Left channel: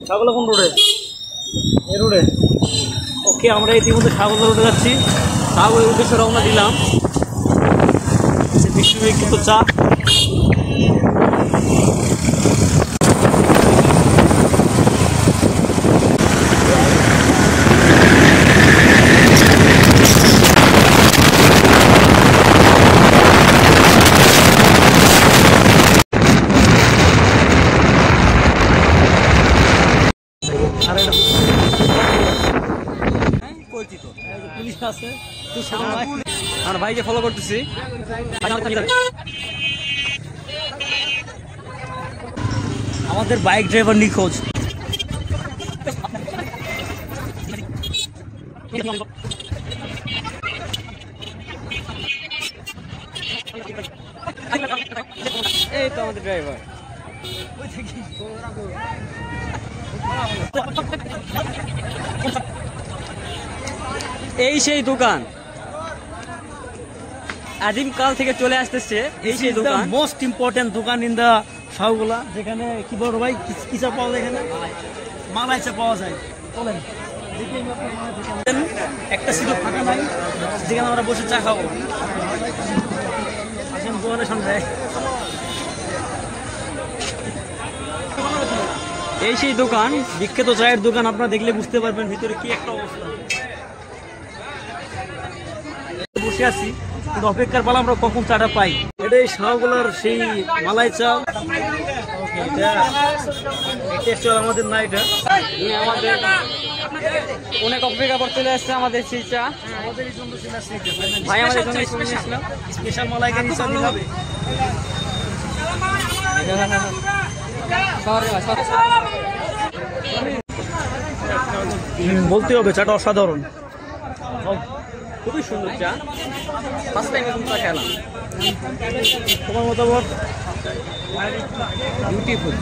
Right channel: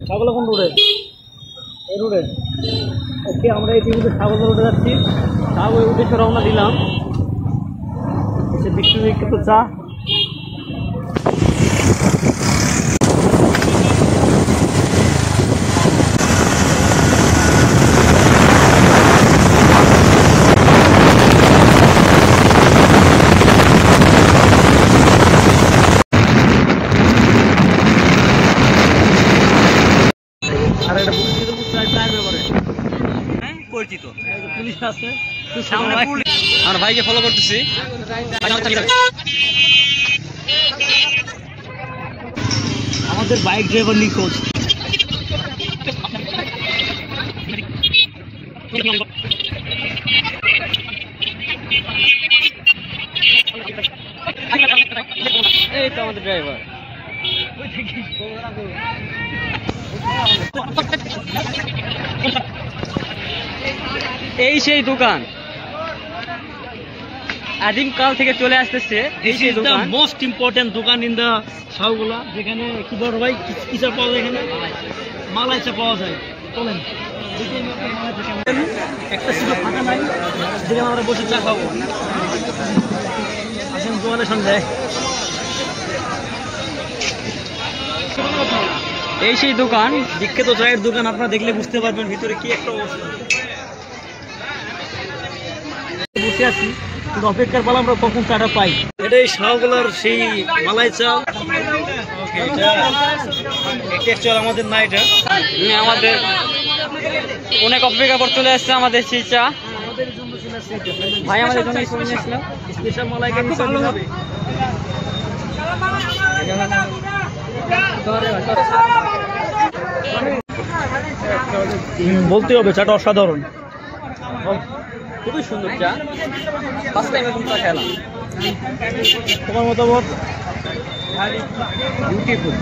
ছাগলা কোন রোডে? এই রোডে। ওকে, আমরা ইতিমধ্যে ছাগলা রোডে যাচ্ছি। ছাগলের উদ্দেশ্যে রওনা দিলাম। বিশ্ববিখ্যাত চা। পরিচিত পুলিশ আছে, আমরা ভাইকে ফলো করতেছি। আমাদের বাইক ড্রাইভার নিখোঁজ। এই তো আমাদের ড্রাইভার। এই সেই দোকান, আদিমকাল থেকে চলে আসতেছে। এই সেই দোকান, মোস্ট ইম্পর্টেন্ট দোকান ইন দা শাহগোলা, যেখানে কি বলবো ভাই, কি চা পাওয়া যায় এখানে? মালাই চা পাওয়া যায়। চলেন একটা সিটও ফাঁকা নাই, যেখানে আমরা বসে চা খাবো। এই সেই দোকান, বিখ্যাত চায়ের দোকান। আপনারা দেখলে বুঝতে পারবেন ভিতরে কি একটা অবস্থা। বসে আছি, কিন্তু অপেক্ষার পালা আমরা কখন চাটা পাই। এটাই শাহগোলার সেই মালাই চা। এটা আমাদের না, এটা আমাদের অনেক অপেক্ষা পর চলে আসছে আমাদের সেই চা। ভাই আমাদের জন্য স্পেশাল মালাই ভালো হবে। বলতে হবে চাটা অসাধারণ, খুবই সুন্দর চা। ফার্স্ট টাইম এরকম চা খেলাম। তোমার মতামত? বিউটিফুল।